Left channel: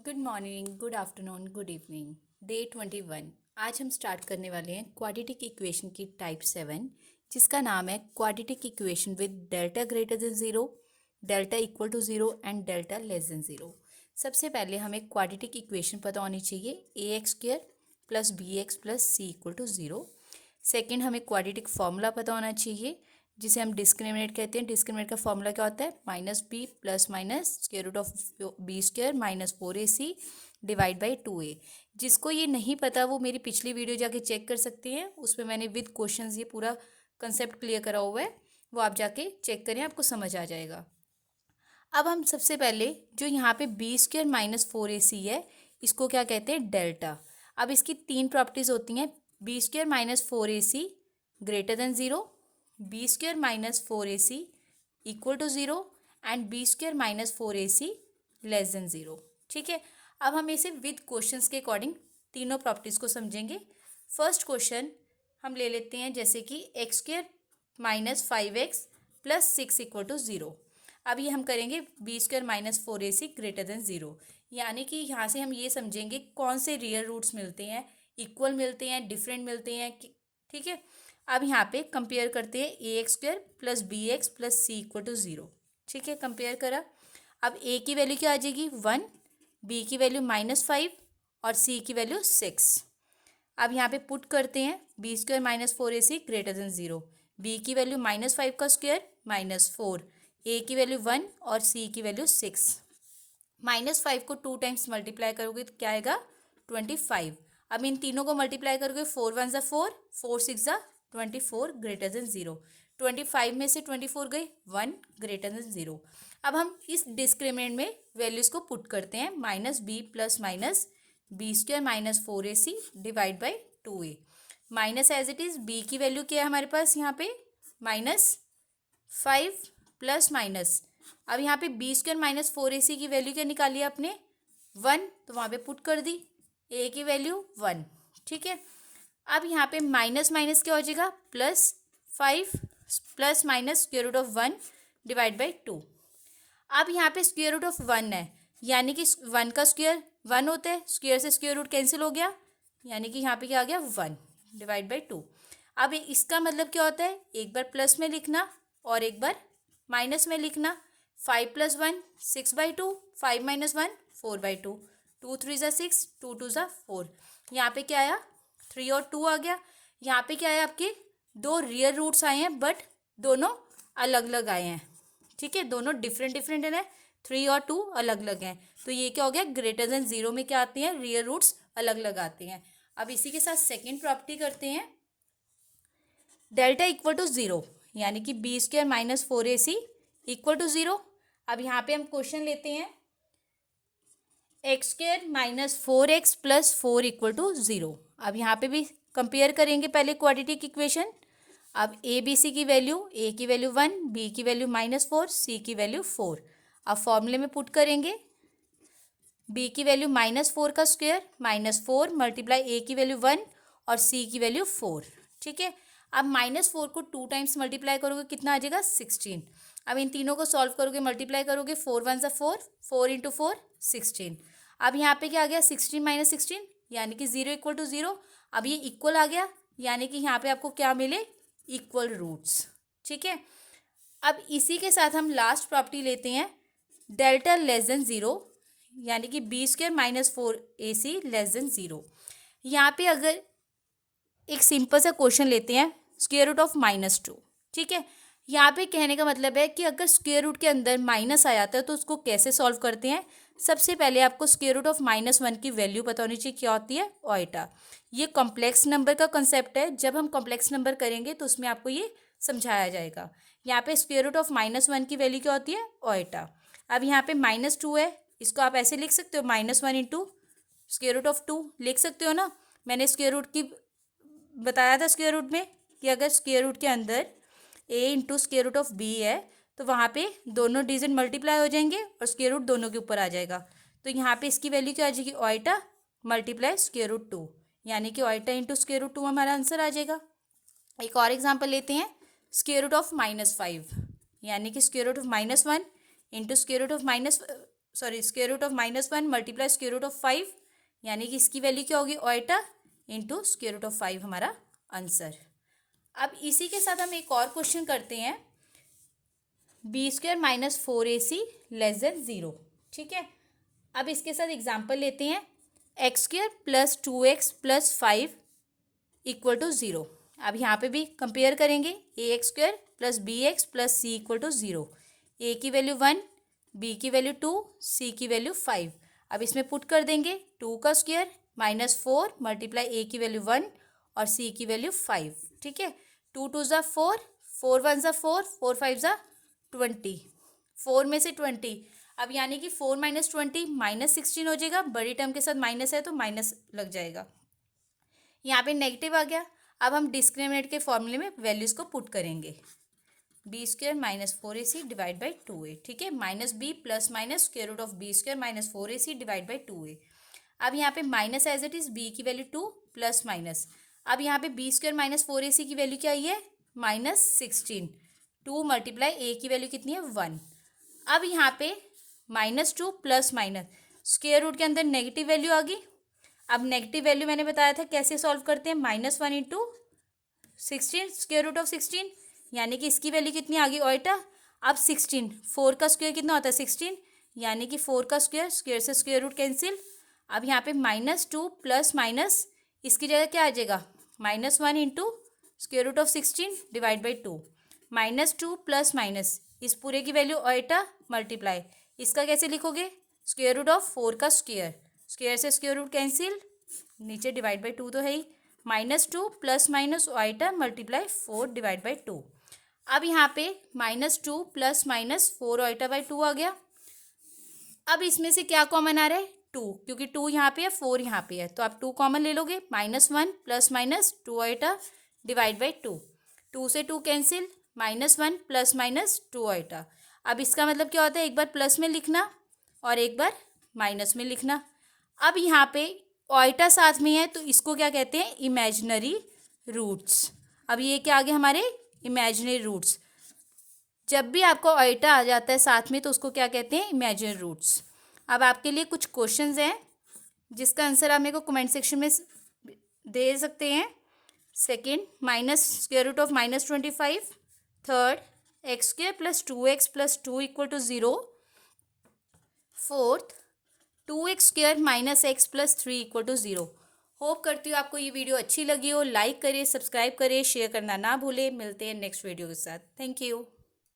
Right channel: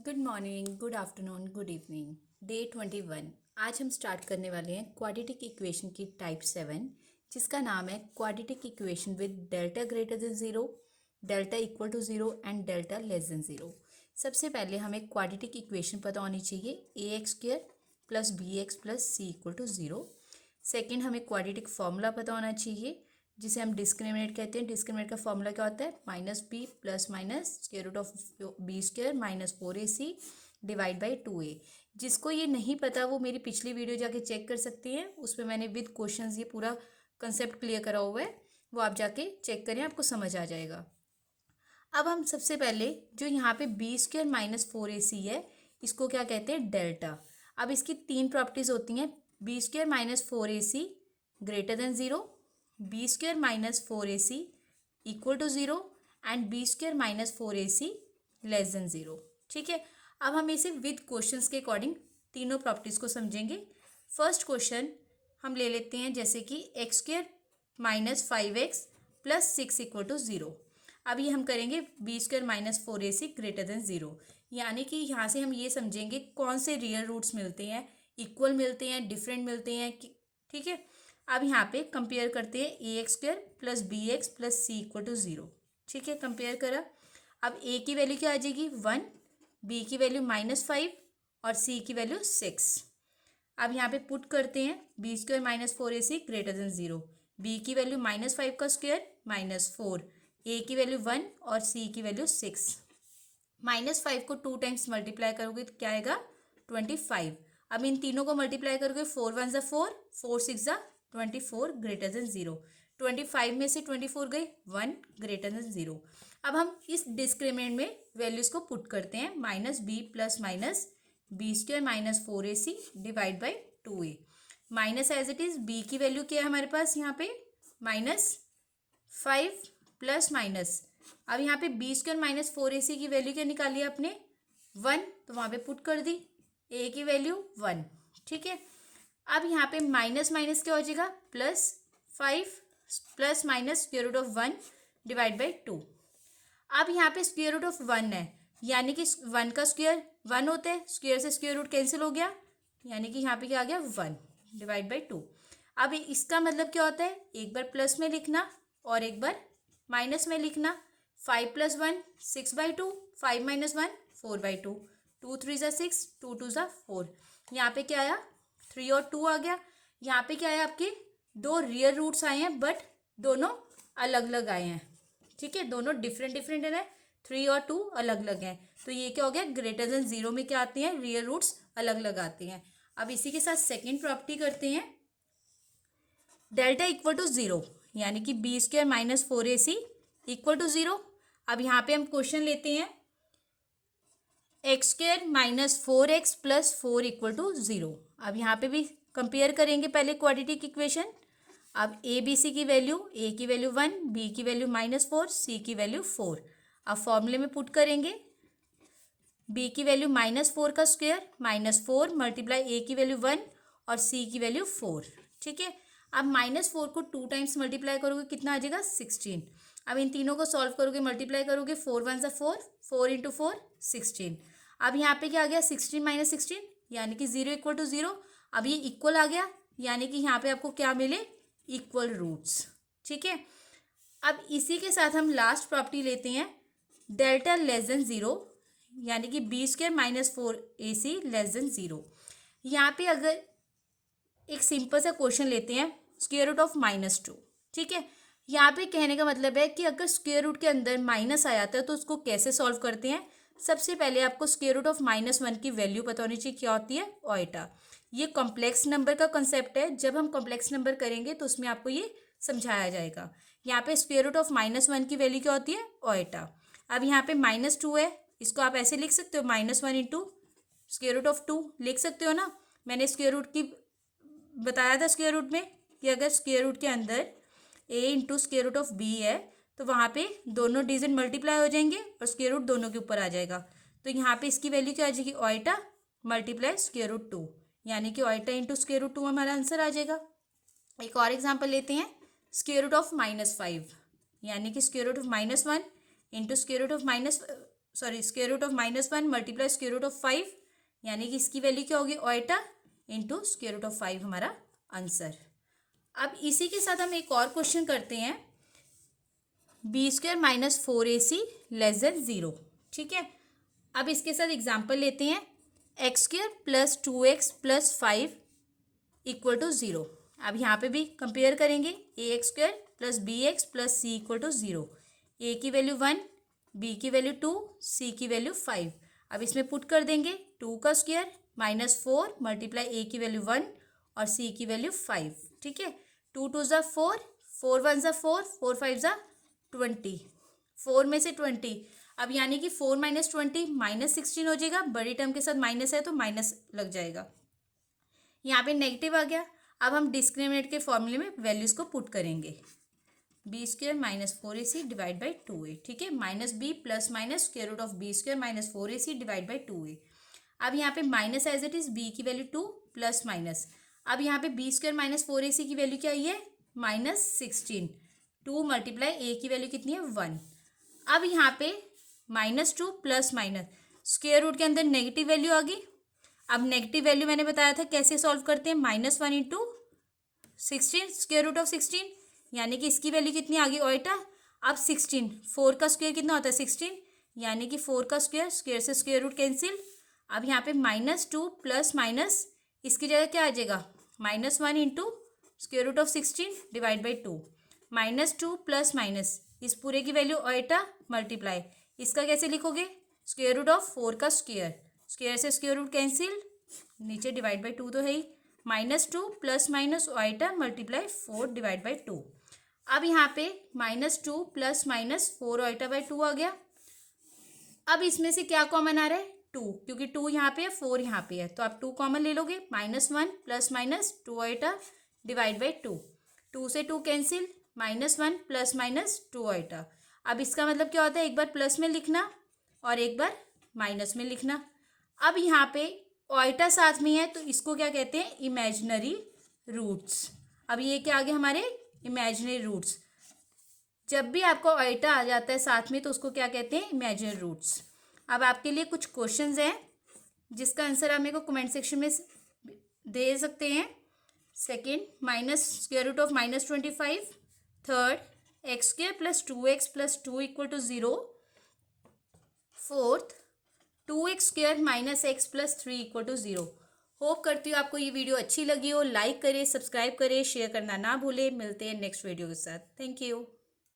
Good morning, good afternoon, good evening. Day 21। आज हम start करने वाले हैं क्वाड्रेटिक इक्वेशन की टाइप 7, जिसका नाम है quadratic equation with delta greater than zero, delta equal to zero and delta less than zero. सबसे पहले हमें क्वाड्रेटिक इक्वेशन पता होनी चाहिए, A X square plus B X plus C equal to zero. Second, हमें क्वाड्रेटिक फार्मूला पता होना चाहिए, जिसे हम डिस्क्रिमिनेट कहते हैं। डिस्क्रिमिनेट का फॉर्मूला क्या होता है? Minus B plus minus square root of B square minus 4ac divide by 2a। जिसको ये नहीं पता वो मेरी पिछली वीडियो जाके चेक कर सकते हैं, उसमें मैंने विद क्वेश्चंस ये पूरा कंसेप्ट क्लियर करा हुआ है, वो आप जाके चेक करें, आपको समझ आ जाएगा। अब हम सबसे पहले जो यहाँ पे बी स्क्वायर माइनस 4ac है, इसको क्या कहते हैं? डेल्टा। अब इसकी तीन प्रॉपर्टीज होती हैं, B square minus 4ac greater than zero, B square minus 4ac equal to zero and B square minus 4ac less than zero. ठीक है, अब हम इसे विद क्वेश्चंस के अकॉर्डिंग तीनों प्रॉपर्टीज़ को समझेंगे। फर्स्ट क्वेश्चन हम ले लेते हैं, जैसे कि X square minus 5x plus 6 equal to zero. अब ये हम करेंगे B square minus 4ac greater than zero, यानी कि यहाँ से हम ये समझेंगे कौन से रियल रूट्स मिलते हैं, इक्वल मिलते हैं, डिफरेंट मिलते हैं। ठीक है, अब यहाँ पे कंपेयर करते हैं A X square plus B X plus C equal to zero. ठीक है, कंपेयर करा। अब ए की वैल्यू क्या आ जाएगी? 1, बी की वैल्यू -5 और सी की वैल्यू 6। अब यहाँ पे पुट करते हैं B square minus 4ac greater than zero, B की वैल्यू -5 का स्क्वायर -4, ए की वैल्यू 1 और सी की वैल्यू 6। -5 को 2 टाइम्स मल्टीप्लाई करोगे तो क्या आएगा? 25। अब इन तीनों को मल्टीप्लाई करोगे, 4 1 ज़ा 4, 4 6 ज़ा 24 ग्रेटर देन ज़ीरो। 25 में से 24 गई, 1 ग्रेटर देन ज़ीरो। अब हम इस डिस्क्रिमिनेंट में वैल्यूज़ को पुट करते हैं, minus B plus minus B square minus 4ac divide by 2a। Minus as it is, B की वैल्यू क्या है हमारे पास यहाँ पे? -5 प्लस माइनस, अब यहाँ पे बी स्क्वायर माइनस 4ac की वैल्यू क्या निकाली आपने? 1, तो वहाँ पे पुट कर दी, ए की वैल्यू 1। ठीक है, अब यहाँ पे माइनस माइनस क्या हो जाएगा? +5 plus minus square root of 1 divide by 2। अब यहाँ पे स्क्वायर रूट ऑफ 1 है, यानी कि 1 का स्क्वायर 1 होता है, स्क्वायर से स्क्वायर रूट कैंसिल हो गया, यानी कि यहाँ पे क्या आ गया? 1 डिवाइड बाई 2। अब इसका मतलब क्या होता है? एक बार प्लस में लिखना और एक बार माइनस में लिखना। 5 + 1 6/2, 5 - 1 4/2, 2 3 ज़ा 6, 2 2 ज़ा 4। यहाँ पे क्या आया? 3 और 2 आ गया। यहाँ पे क्या है? आपके दो रियल रूट्स आए हैं, बट दोनों अलग अलग आए हैं। ठीक है, दोनों डिफरेंट डिफरेंट है, 3 और 2 अलग अलग हैं। तो ये क्या हो गया? ग्रेटर देन ज़ीरो में क्या आते हैं? रियल रूट्स अलग अलग आते हैं। अब इसी के साथ सेकेंड प्रॉपर्टी करते हैं, डेल्टा इक्वल टू ज़ीरो, यानी कि B square minus 4ac equal to zero. अब यहाँ पे हम क्वेश्चन लेते हैं, X square minus 4x plus 4 equal to zero. अब यहाँ पे भी कंपेयर करेंगे पहले क्वाड्रेटिक इक्वेशन। अब ए बी सी की वैल्यू, ए की वैल्यू 1, बी की वैल्यू -4, सी की वैल्यू 4। अब फॉर्मूले में पुट करेंगे, बी की वैल्यू -4 का स्क्वायर -4 मल्टीप्लाई ए की वैल्यू 1 और सी की वैल्यू 4। ठीक है, अब -4 को 2 टाइम्स मल्टीप्लाई करोगे, कितना आ जाएगा? 16। अब इन तीनों को सॉल्व करोगे, मल्टीप्लाई करोगे, 4 1 ज़ा 4, 4 × 4 16। अब यहाँ पे क्या आ गया? 16 - 16, यानी कि 0 इक्वल टू ज़ीरो। अब ये इक्वल आ गया, यानी कि यहाँ पे आपको क्या मिले? Equal roots. ठीक है, अब इसी के साथ हम लास्ट प्रॉपर्टी लेते हैं, डेल्टा लेस देन ज़ीरो, यानी कि B square minus 4ac less than zero. यहाँ पे अगर एक सिंपल सा क्वेश्चन लेते हैं, स्क्वायर रूट ऑफ -2। ठीक है, यहाँ पे कहने का मतलब है कि अगर स्क्वायर रूट के अंदर माइनस आ जाता है तो उसको कैसे सॉल्व करते हैं। सबसे पहले आपको स्क्वायर रूट ऑफ -1 की वैल्यू पता होनी चाहिए, क्या होती है? ओएटा। ये कॉम्प्लेक्स नंबर का कंसेप्ट है, जब हम कॉम्प्लेक्स नंबर करेंगे तो उसमें आपको ये समझाया जाएगा। यहाँ पे स्क्वायर रूट ऑफ -1 की वैल्यू क्या होती है? ओएटा। अब यहाँ पे -2 है, इसको आप ऐसे लिख सकते हो, -1 × स्क्वायर रूट ऑफ 2 लिख सकते हो ना। मैंने स्क्वायर रूट की बताया था स्क्वायर रूट में कि अगर स्क्वायर रूट के अंदर a × square root of b है तो वहाँ पे दोनों डिजिट मल्टीप्लाई हो जाएंगे और स्क्वायर रूट दोनों के ऊपर आ जाएगा। तो यहाँ पे इसकी वैल्यू क्या आ जाएगी? ओएटा मल्टीप्लाई स्क्वायर रूट 2, यानी कि ओएटा × स्क्वायर रूट 2 हमारा आंसर आ जाएगा। एक और एग्जांपल लेते हैं, स्क्वायर रूट ऑफ -5, यानी कि square root of -1 × square root of square root of -1 multiply square root of 5, यानी कि इसकी वैल्यू क्या होगी iota into square root of 5 हमारा आंसर। अब इसी के साथ हम एक और क्वेश्चन करते हैं, b² - 4ac < 0। ठीक है, अब इसके साथ एग्जाम्पल लेते हैं, x² + 2x + 5 = 0। अब यहाँ पे भी कंपेयर करेंगे, ax² + bx + c = 0। a की वैल्यू 1, b की वैल्यू 2, c की वैल्यू 5। अब इसमें पुट कर देंगे 2 का स्क्वायर -4 मल्टीप्लाई a की वैल्यू 1 और c की वैल्यू 5। ठीक है, 2 2 ज़ा 4, 4 1 ज़ा 4, 4 5 ज़ा 20, 4 में से 20। अब यानी कि 4 - 20 -16 हो जाएगा, बड़ी टर्म के साथ माइनस है तो माइनस लग जाएगा, यहाँ पे नेगेटिव आ गया। अब हम डिस्क्रिमिनेंट के फॉर्मूले में वैल्यूज़ को पुट करेंगे, b² - 4ac / 2a। ठीक है, -b ± square root of b² - 4ac / 2a। अब यहाँ पे minus as it is, b की वैल्यू 2 प्लस माइनस। अब यहाँ पे b² - 4ac की वैल्यू क्या आई है -16, 2 मल्टीप्लाई a की वैल्यू कितनी है 1। अब यहाँ पे -2 प्लस माइनस, स्क्वायर रूट के अंदर नेगेटिव वैल्यू आ गई। अब नेगेटिव वैल्यू मैंने बताया था कैसे सॉल्व करते हैं, -1 इंटू 16 स्क्वायर रूट ऑफ 16, यानी कि इसकी वैल्यू कितनी आ गई ओएटा। अब 16, 4 का स्क्वायर कितना होता है 16, यानी कि 4 का स्क्वायर, स्क्वायर से स्क्वायर रूट कैंसिल। अब यहाँ पे -2 प्लस माइनस, इसकी जगह क्या आ जाएगा -1 into square root of 16 / 2, -2 plus minus, इस पूरे की वैल्यू ओएटा मल्टीप्लाई, इसका कैसे लिखोगे स्क्वायर रूट ऑफ 4 का स्क्वायर, स्क्वायर से स्क्वायर रूट कैंसिल, नीचे / 2 तो है ही, -2 प्लस माइनस ओएटा मल्टीप्लाई 4 / 2। अब यहाँ पे -2 प्लस माइनस 4 ओएटा बाई 2 आ गया। अब इसमें से क्या कॉमन आ रहा है 2, क्योंकि 2 यहाँ पे है 4 यहाँ पे है, तो आप 2 कॉमन ले लोगे, -1 प्लस माइनस 2 ओएटा / 2, 2 से 2 कैंसिल, -1 प्लस माइनस 2 ओएटा। अब इसका मतलब क्या होता है, एक बार प्लस में लिखना और एक बार माइनस में लिखना। अब यहाँ पे ओएटा साथ में है तो इसको क्या कहते हैं इमेजिनरी रूट्स। अब ये क्या आ गया हमारे इमेजिनरी रूट्स, जब भी आपको ओएटा आ जाता है साथ में तो उसको क्या कहते हैं इमेजिनरी रूट्स। अब आपके लिए कुछ क्वेश्चंस हैं जिसका आंसर आप मेरे को कमेंट सेक्शन में दे सकते हैं। Second, -square root of -25। Third, x² + 2x + 2 = 0। Fourth, 2x² - x + 3 = 0। Hope करती हूँ आपको ये वीडियो अच्छी लगी हो। लाइक करिए, सब्सक्राइब करिए, शेयर करना ना भूलें। मिलते हैं नेक्स्ट वीडियो के साथ। Thank you.